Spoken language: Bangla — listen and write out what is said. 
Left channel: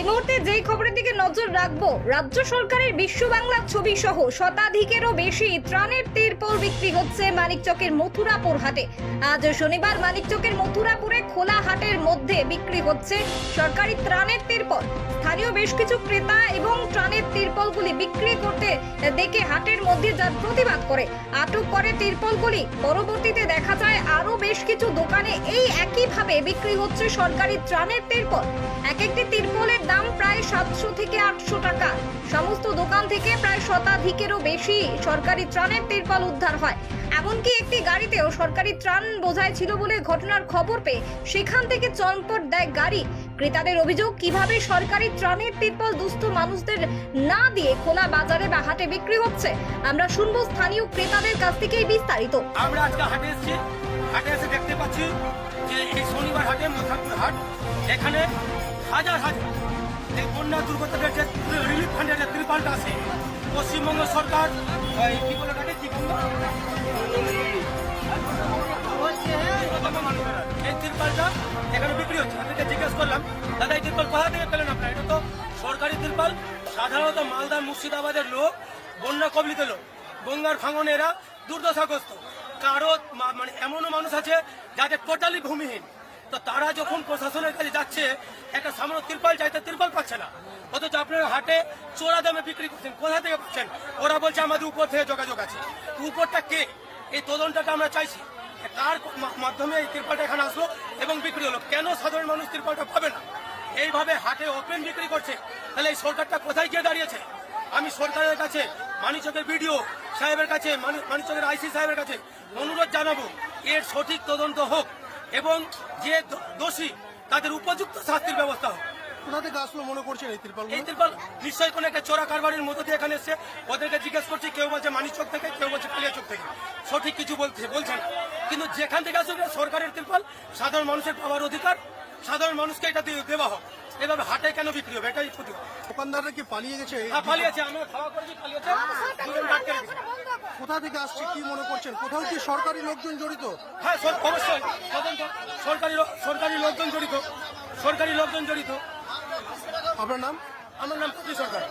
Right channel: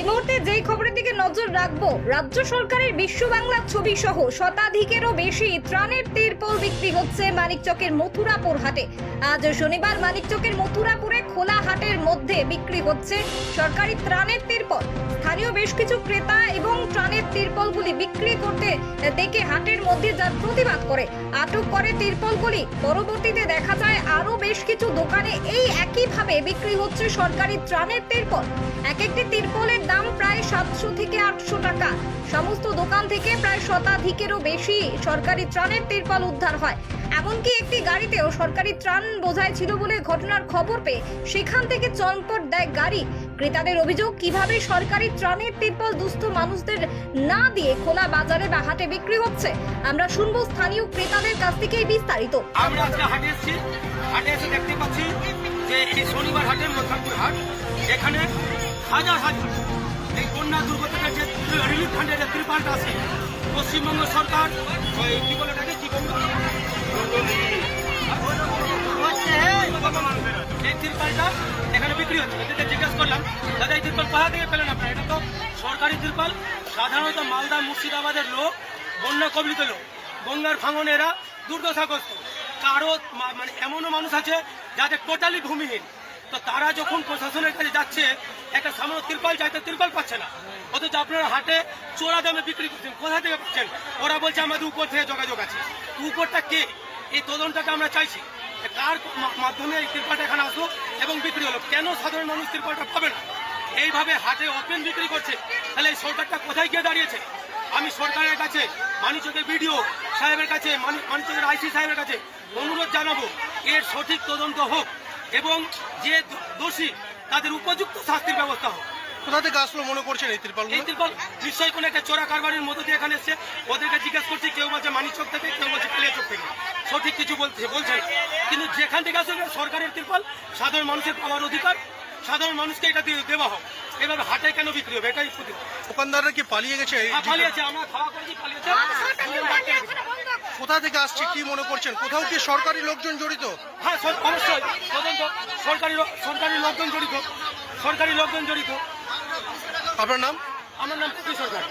এই মুহূর্তে যেই খবরের দিকে নজর রাখবো, রাজ্য সরকারের বিশ্ব বাংলা ছবি সহ শতাধিকেরও বেশি ত্রাণের তিরপল বিক্রি হচ্ছে মানিকচকের মথুরাপুর হাটে। আজ শনিবার মানিকচকের মথুরাপুরে খোলা হাটের মধ্যে বিক্রি হচ্ছে সরকারি ত্রাণের তিরপল। স্থানীয় বেশ কিছু ক্রেতা এবং ত্রাণের তিরপলগুলি বিক্রি করতে দেখে হাটের মধ্যে যার প্রতিবাদ করে আটক করে তিরপলগুলি। পরবর্তীতে দেখা যায় আরো বেশ কিছু দোকানে এই একইভাবে বিক্রি হচ্ছে সরকারি ত্রাণের তিরপল। এক একটি তিরপলের দাম প্রায় 700 থেকে 800 টাকা। সমস্ত দোকান থেকে প্রায় শতাধিকেরও বেশি সরকারি ত্রাণের তিরপল উদ্ধার হয়। এমনকি একটি গাড়িতেও সরকারি ত্রাণ বোঝাই ছিল বলে ঘটনার খবর পেয়ে সেখান থেকে চম্পট দেয় গাড়ি। ক্রেতাদের অভিযোগ, কিভাবে সরকারি ত্রাণের তিরপল দুস্থ মানুষদের না দিয়ে খোলা বাজারে বা হাটে বিক্রি হচ্ছে। আমরা শুনবো স্থানীয় ক্রেতাদের কাছ থেকে বিস্তারিত। আমরা আজকে হাটে এসেছি, হাটে এসে দেখতে পাচ্ছি যে এই শনিবার হাটে মথুরাপুর হাট, এখানে হাজার হাজার এই বন্যা দুর্গতদের যে রিলিফ ফান্ডের যে ত্রিপালটা আছে, পশ্চিমবঙ্গ সরকার কি বলে থাকে, কি বলবো, এই ত্রিপালটা এখানে বিক্রি হচ্ছে। এদেরকে জিজ্ঞেস করলাম, দাদা এই ত্রিপাল কোথা থেকে পেলেন আপনারা? এটা তো সরকারি ত্রিপাল। সাধারণত মালদা মুর্শিদাবাদের লোক, বন্যা কবলিত লোক, বন্যার ভাঙনে এরা দুর্দশাগ্রস্ত। কারো মানে এমনও মানুষ আছে যাদের টোটালি ভূমিহীন, তো তারা যখন প্রশাসনের কাছে যাচ্ছে একটা সামান্য ত্রিপাল চাইতে ত্রিপাল পাচ্ছে না, অথচ আপনারা হাটে চোরা দামে বিক্রি করছেন। কোথা থেকে পাচ্ছেন? ওরা বলছে আমাদের উপর থেকে যোগাযোগ আছে। উপরটা কে? এই তদন্তটা আমরা চাইছি, কার মাধ্যমে এই ত্রিপালটা এখানে আসলো এবং বিক্রি হলো। কেন সাধারণ মানুষ ত্রিপালটা পাবে না? এইভাবে হাটে ওপেন বিক্রি করছে, তাহলে এই সরকারটা কোথায় গিয়ে দাঁড়িয়েছে? আমি সরকারের কাছে, মানিকচকের বিডিও সাহেবের কাছে, মানিকচকের আইসি সাহেবের কাছে অনুরোধ জানাবো, এর সঠিক তদন্ত হোক এবং যে দোষী তাদের উপযুক্ত শাস্তির ব্যবস্থা হোক। কোথা থেকে আসলো মনে করছেন এই ত্রিপাল? এই ত্রিপাল নিশ্চয়ই কোনো একটা চোরা কারবারের মধ্যে দিয়ে এখানে এসছে। ওদেরকে জিজ্ঞেস করছি, কেউ বলছে মানিকচক থেকে, কেউ বলছে কালিয়াচক থেকে। সঠিক কিছু বলছে না। কিন্তু যেখান থেকে আসলে সরকারের ত্রিপাল, সাধারণ মানুষের পাওয়ার অধিকার, সাধারণ মানুষকে এটা দেওয়া হোক। এভাবে হাটে কেন বিক্রি হবে? এটাই প্রতিবাদ। দোকানদাররা কি পালিয়ে গেছে? পালিয়েছে, আমরা খাওয়া করেছি, পালিয়েছে। কোথা থেকে আসছে কি মনে করছেন? কোথাও কি সরকারি লোকজন জড়িত? হ্যাঁ, অবশ্যই তদন্ত সরকারি লোকজন জড়িত। আপনার নাম? আমার নাম কপি সরকার।